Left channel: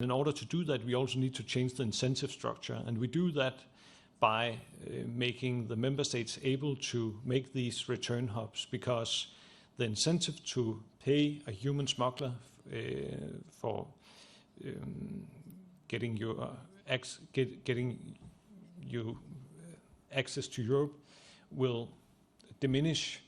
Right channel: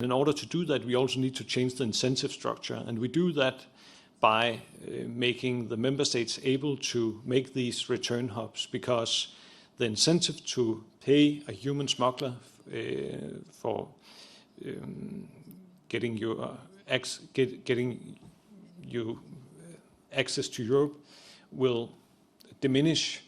In order to do that, we also need to change the incentive structure, and we do that by making the member states able to make these return hubs, because the incentive to pay a human smuggler for getting you access to Europe will diminish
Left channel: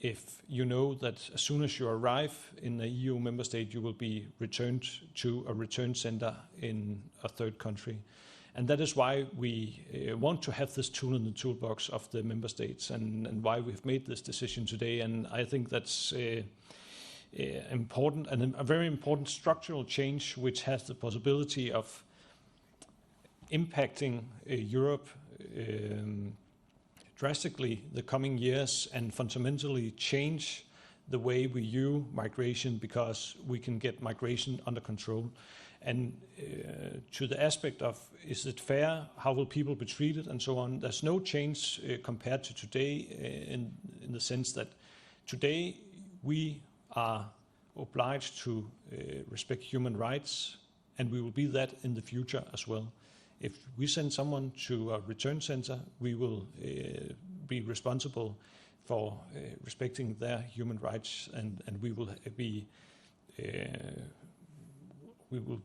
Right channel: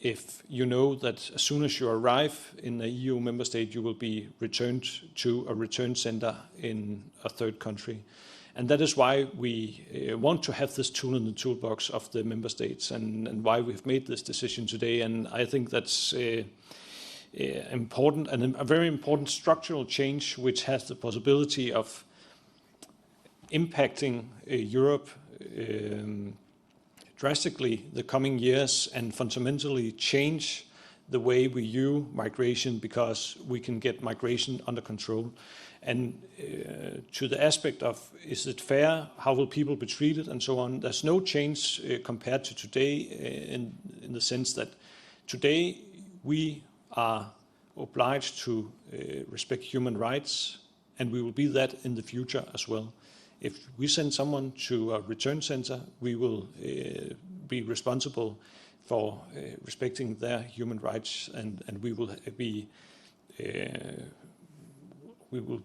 if you know that as soon as you arrive in a EU member state, you will be returned to a return center in a third country. And that is why we want to have this tool in the toolbox of the member states, and why we've made this decision today. And I think that's important, and a very important structural change, which has the possibility of impacting Europe drastically the coming years, and fundamentally change the way we view migration, because we can get migration under control. And to the aspect of, is it fair, how will people be treated, and so on, there's no change compared to today, in the sense that today we are obliged to respect human rights, and we will be that in the future as well. If we send someone to a return center, we will be responsible for respecting their human rights, and we will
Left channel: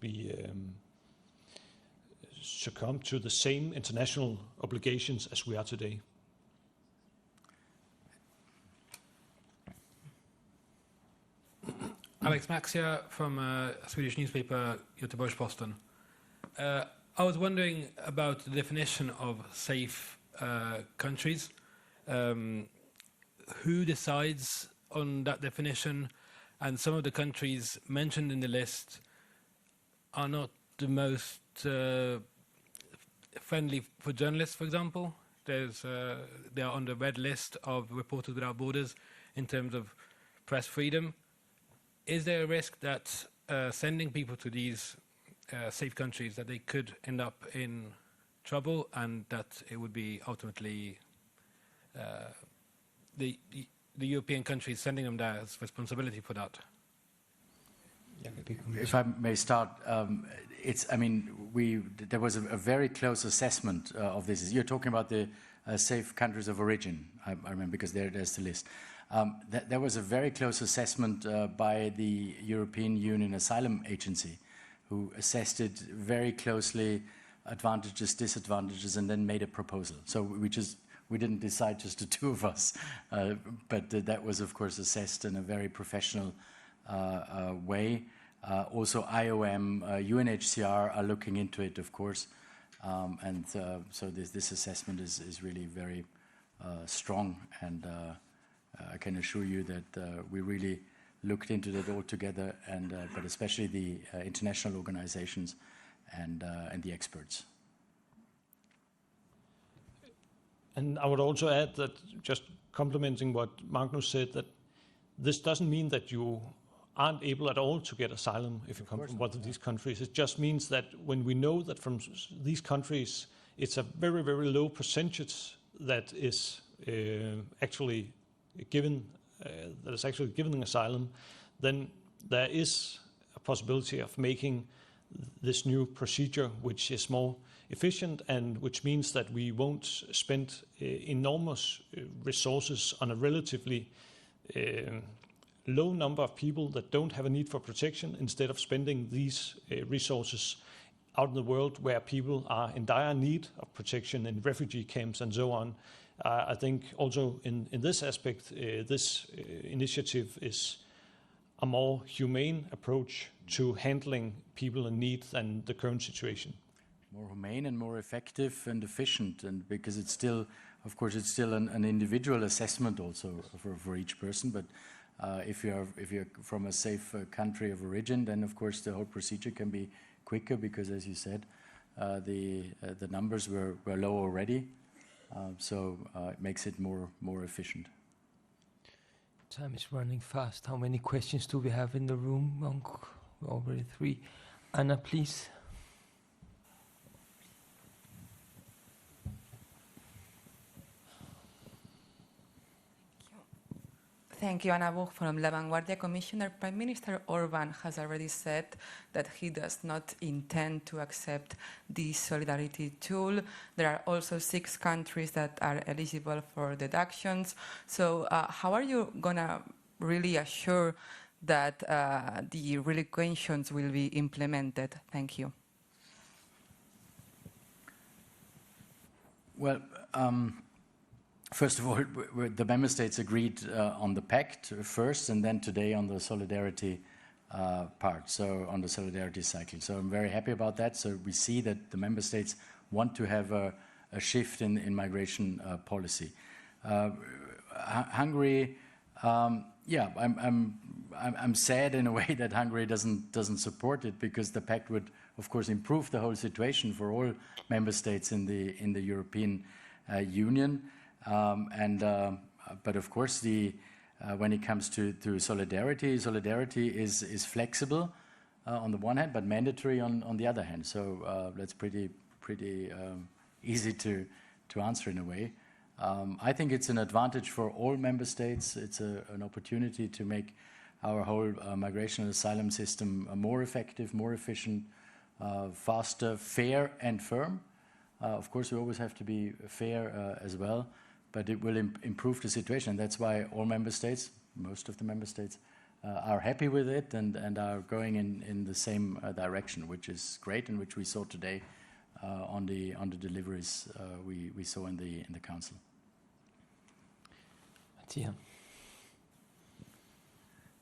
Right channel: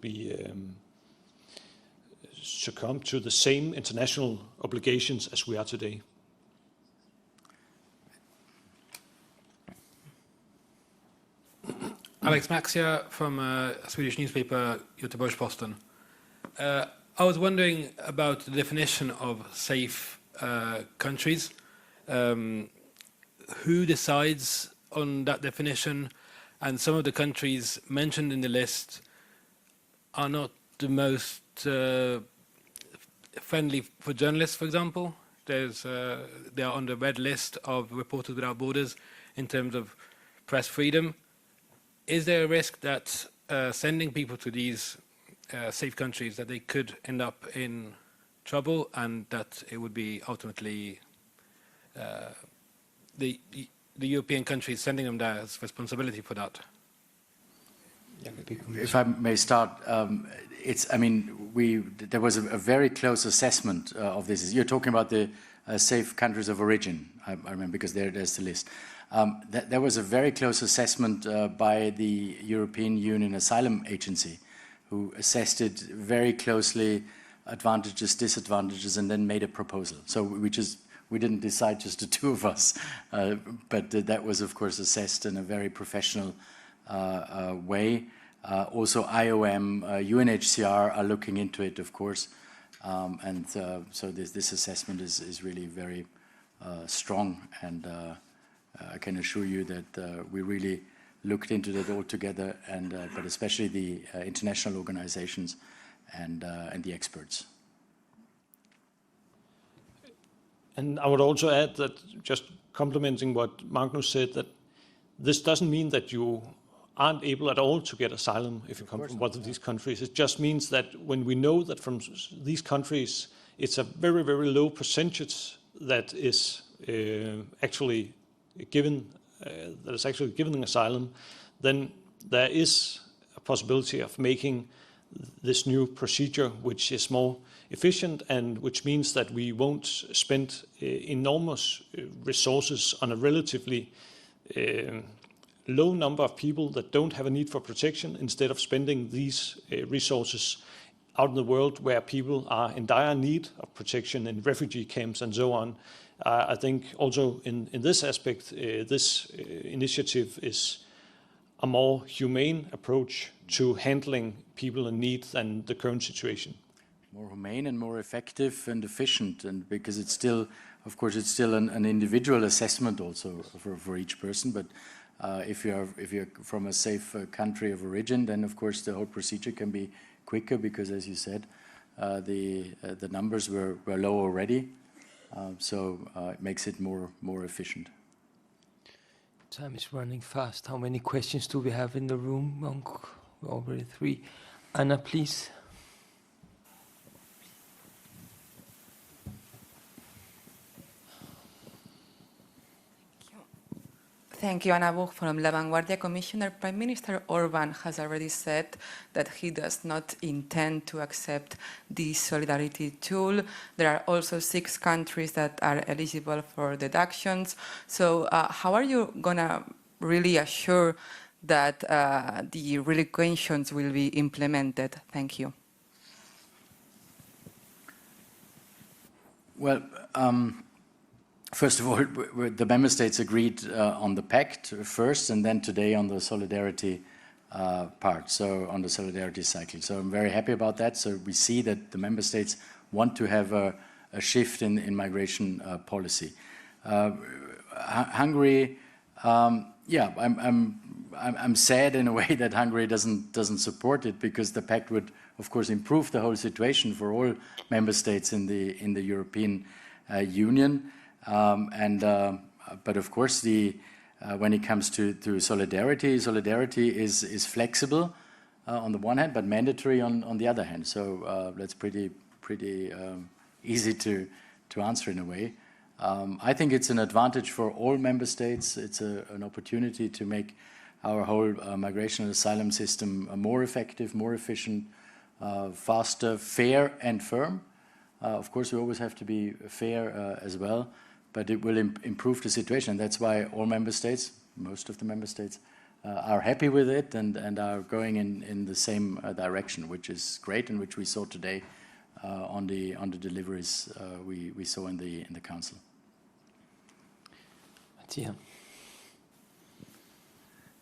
be succumb to the same international obligations as we are today. Alex Maxia from a Swedish newspaper, Göteborgs-Posten. I was wondering about the definition of safe countries. Who decides on that definition? And some of the countries mentioned in the list are not the most friendly for journalists, for example. They are on the red list of Reporters Without Borders in terms of press freedom. Is there a risk that sending people to these safe countries, that they could end up in trouble, and that it would be ultimately the European countries sending them there as responsibility for that? If I may start, there was a very close assessment of this. You're talking about the safe countries of origin, I remember, because there's the list. There was a very close assessment by the European Union Asylum Agency, who assessed it very closely, advantages, disadvantages, and then made a proposal. So we didn't decide, just the two of us, but that was, of course, assessed in a very professional way. Also, IOM, UNHCR are looking into it, of course, so this assessment is really very strong, and I can assure you that we really looked into that all together, and but especially the international organizations and the experts. And I would also add that, just complementing what Magnus said, that this doesn't mean that you aren't able at all to get asylum if you come from one of these countries. It just means that when we know that from these countries it's a very, very low percentage that is actually given asylum, then there is a possibility of making this new procedure, which is more efficient, and which means that we won't spend enormous resources on a relatively low number of people that don't have a need for protection, instead of spending these resources out in the world where people are in dire need of protection, in refugee camps and so on. I think also in this aspect, this initiative is a more humane approach to handling people in need than the current situation. More humane and more effective and efficient, and because it's still, of course, it's still an individual assessment also for each person. But if you're from a safe country of origin, then of course the whole procedure can be quicker, because, as you said, the numbers were low already, so it makes it more efficient. Time is running fast. How many questions do we have in the room? Already 3. Anna, please. Thank you, Anna Buch from La Vanguardia. Commissioner, Prime Minister Orban has already said that he does not intend to accept the solidarity tool. There are also 6 countries that are eligible for deductions. So how are you going to really assure that the relocations will be implemented? Thank you. Well, first of all, the member states agreed on the pact first, and then today on the solidarity part, so on the solidarity cycle. So I'm very happy about that. So we see that the member states want to have a shift in migration policy. Hungary, yeah, I'm sad in a way that Hungary doesn't support it, because the pact would, of course, improve the whole situation for all member states in the European Union. But of course, when it comes to solidarity is flexible on the one hand, but mandatory on the other hand. So that's pretty easy to answer in a way. I think it's an advantage for all member states. It's an opportunity to make our whole migration and asylum system more effective, more efficient, faster, fair and firm. Of course, we always have to be fair as well, but it will improve the situation. And that's why all member states, most of the member states, are happy with it and are going in the same direction, which is great, and which we saw today on the deliveries we saw in the council. Mattia.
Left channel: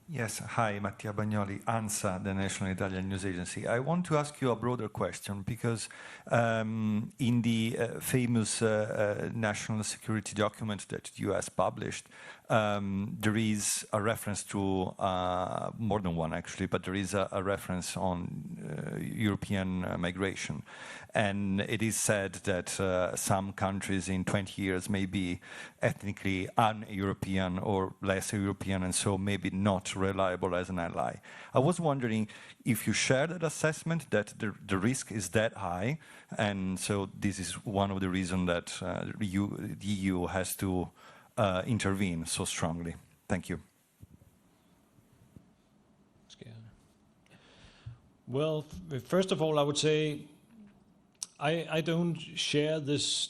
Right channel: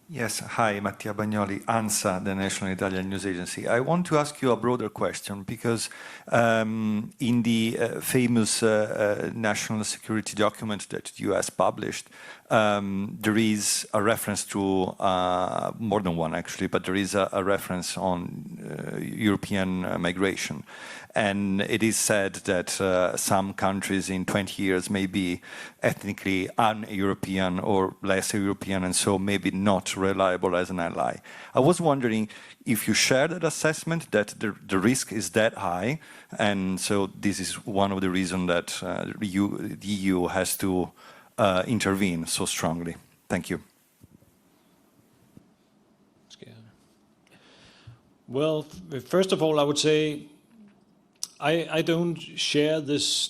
Yes, hi, Mattia Bagnoli, ANSA, the National Italian News Agency. I want to ask you a broader question, because in the famous national security document that the US published, there is a reference to, more than one actually, but there is a reference on European migration. And it is said that some countries in 20 years may be ethnically un-European or less European, and so maybe not reliable as an ally. I was wondering if you share that assessment, that the risk is that high, and so this is one of the reasons that the EU has to intervene so strongly. Thank you. Well, first of all, I would say I don't share this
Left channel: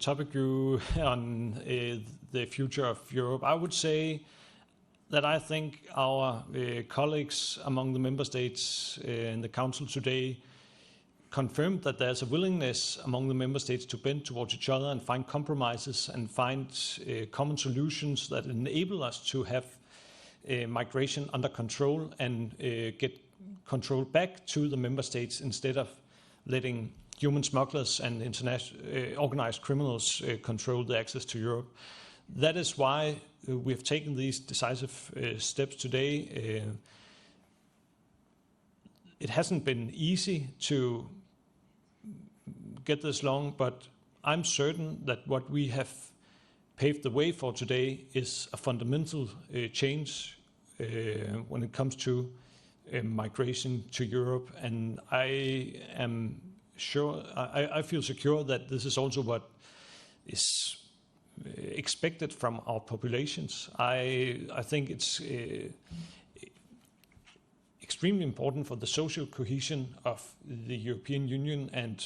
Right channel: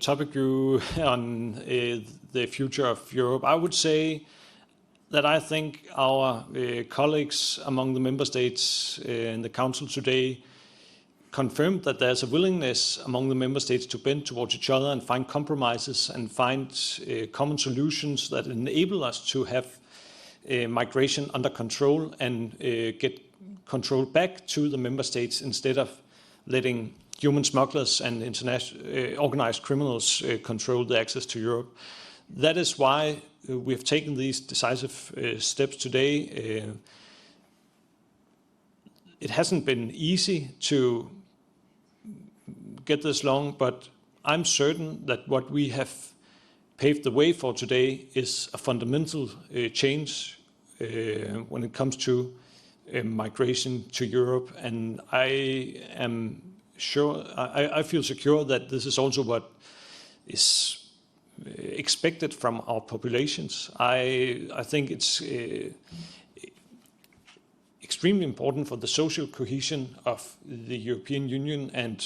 topic view on the future of Europe. I would say that I think our colleagues among the member states in the Council today confirmed that there's a willingness among the member states to bend towards each other and find compromises and find common solutions that enable us to have migration under control and get control back to the member states, instead of letting human smugglers and organized criminals control the access to Europe. That is why we have taken these decisive steps today. It hasn't been easy to get this long, but I'm certain that what we have paved the way for today is a fundamental change when it comes to migration to Europe, and I am sure, I feel secure that this is also what is expected from our populations. I think it's extremely important for the social cohesion of the European Union and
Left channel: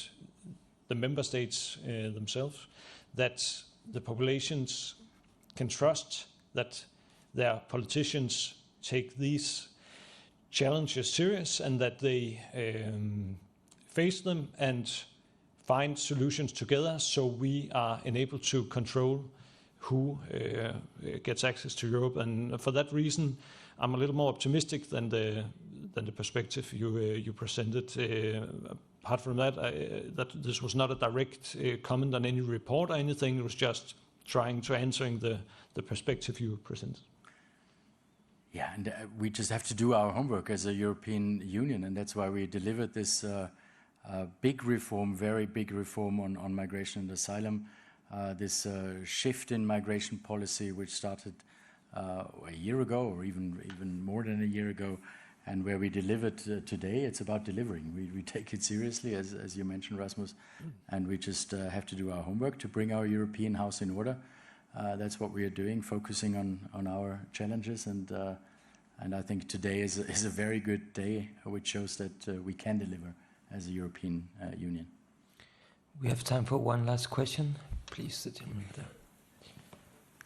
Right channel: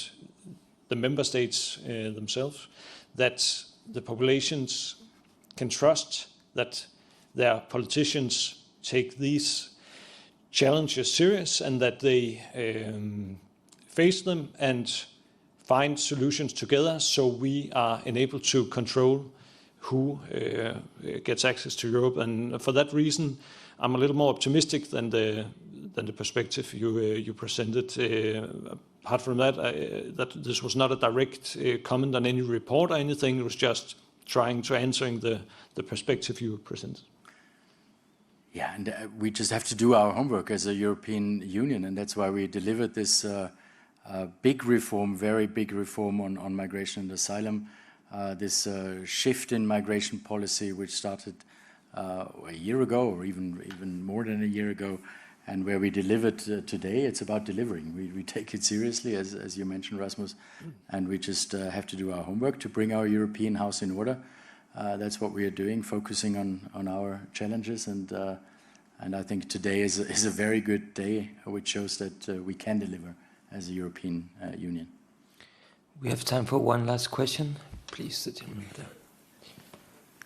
the member states themselves that the populations can trust that their politicians take these challenges serious, and that they face them and find solutions together, so we are enabled to control who gets access to Europe. And for that reason, I'm a little more optimistic than the perspective you presented. Apart from that, that this was not a direct comment on any report or anything. It was just trying to answering the perspective you presented. Yeah, and we just have to do our homework as a European Union, and that's why we delivered this big reform, very big reform on migration and asylum, this shift in migration policy, which started a year ago, or even more than a year ago, and where we delivered today. It's about delivering. We take it seriously, as you mentioned, Rasmus, and we just have to do our homework to bring our European house in order. that's what we are doing, focusing on our challenges, and I think today is a very good day, which shows that we can deliver as a European Union. We have time for one last question. Please, the gentleman there.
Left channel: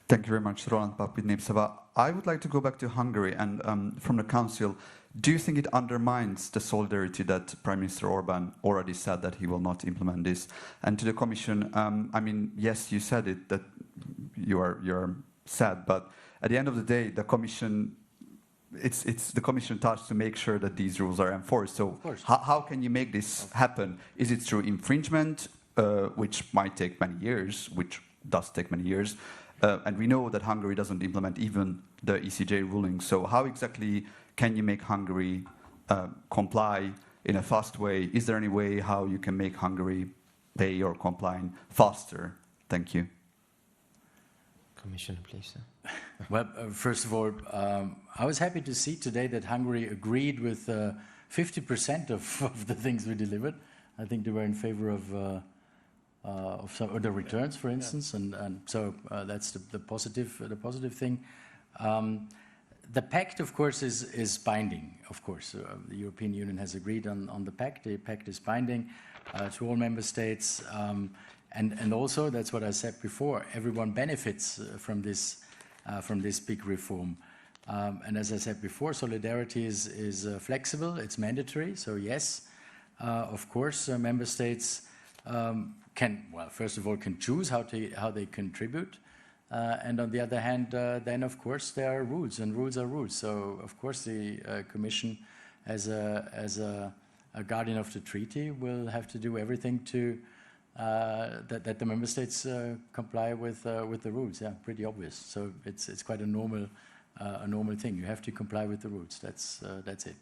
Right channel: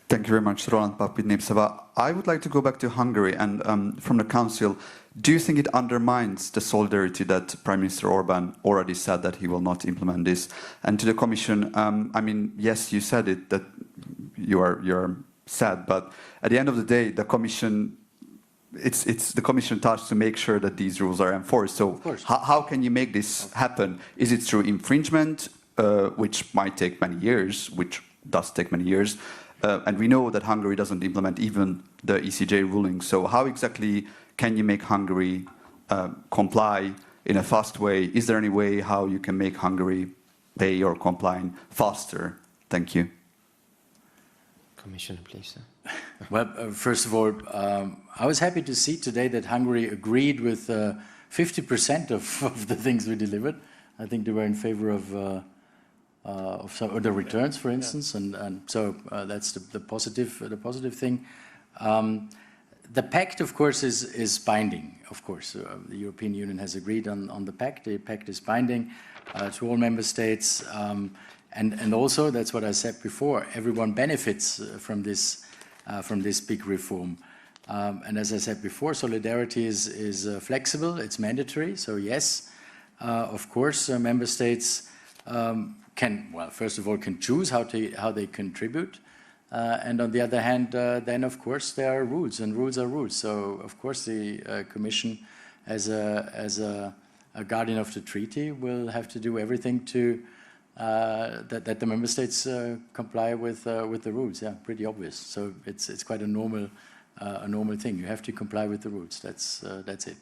Thank you very much, Roland Papin Nipsava. I would like to go back to Hungary and from the Council. Do you think it undermines the solidarity that Prime Minister Orban already said that he will not implement this? And to the Commission, I mean, yes, you said it, that you're sad, but at the end of the day, the Commission, it's the Commission task to make sure that these rules are enforced. So how can you make this happen? Is it through infringement, which might take many years, which does take many years? And we know that Hungary doesn't implement even the ECJ ruling. So how exactly can you make Hungary comply in a fast way? Is there any way how you can make Hungary pay or comply faster? Thank you. Commissioner, please. Well, first of all, I was happy to see today that Hungary agreed with 50% of the things we delivered. I think they were in favor of some of the returns, for instance, and so that's the positive thing. The pact, of course, is binding. Of course, the European Union has agreed on the pact. The pact is binding to all member states, and also that's what I said before. Everyone benefits from this big reform. And as I said before, solidarity is flexible. It's mandatory. So yes, of course, member states can, well, first of all, can choose how they contribute, and on the other hand, then of course there are rules, and rules are rules. So of course the Commission, as a guardian of the treaty, will have to do everything to that the member states comply with the rules. Yeah, pretty obvious. So it's quite a normal thing. You have to comply with the rules. That's it.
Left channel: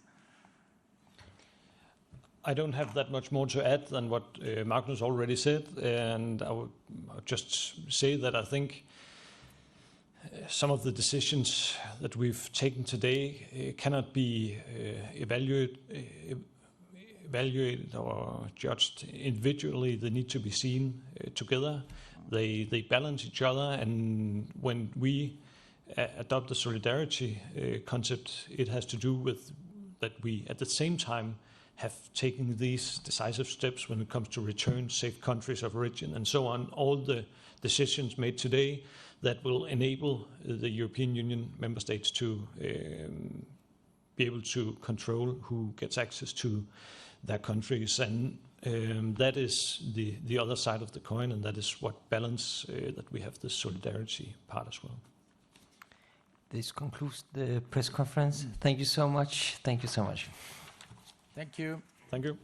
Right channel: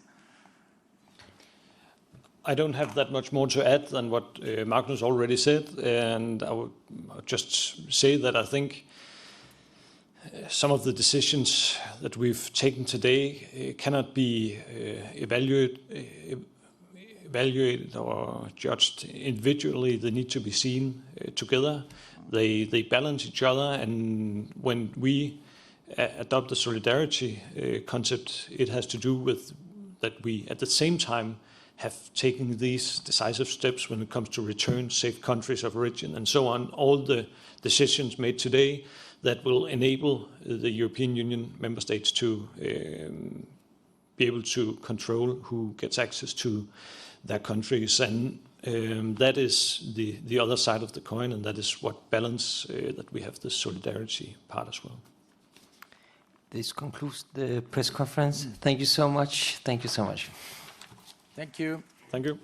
I don't have that much more to add than what Magnus already said, and I would just say that I think some of the decisions that we've taken today cannot be evaluated or judged individually. They need to be seen together. They balance each other, and when we adopt the solidarity concept, it has to do with that we at the same time have taken these decisive steps when it comes to return, safe countries of origin, and so on. All the decisions made today that will enable the European Union member states to be able to control who gets access to their countries. And that is the other side of the coin, and that is what balance that we have the solidarity part as well. This concludes the press conference. Thank you so much. Thank you so much. Thank you. Thank you.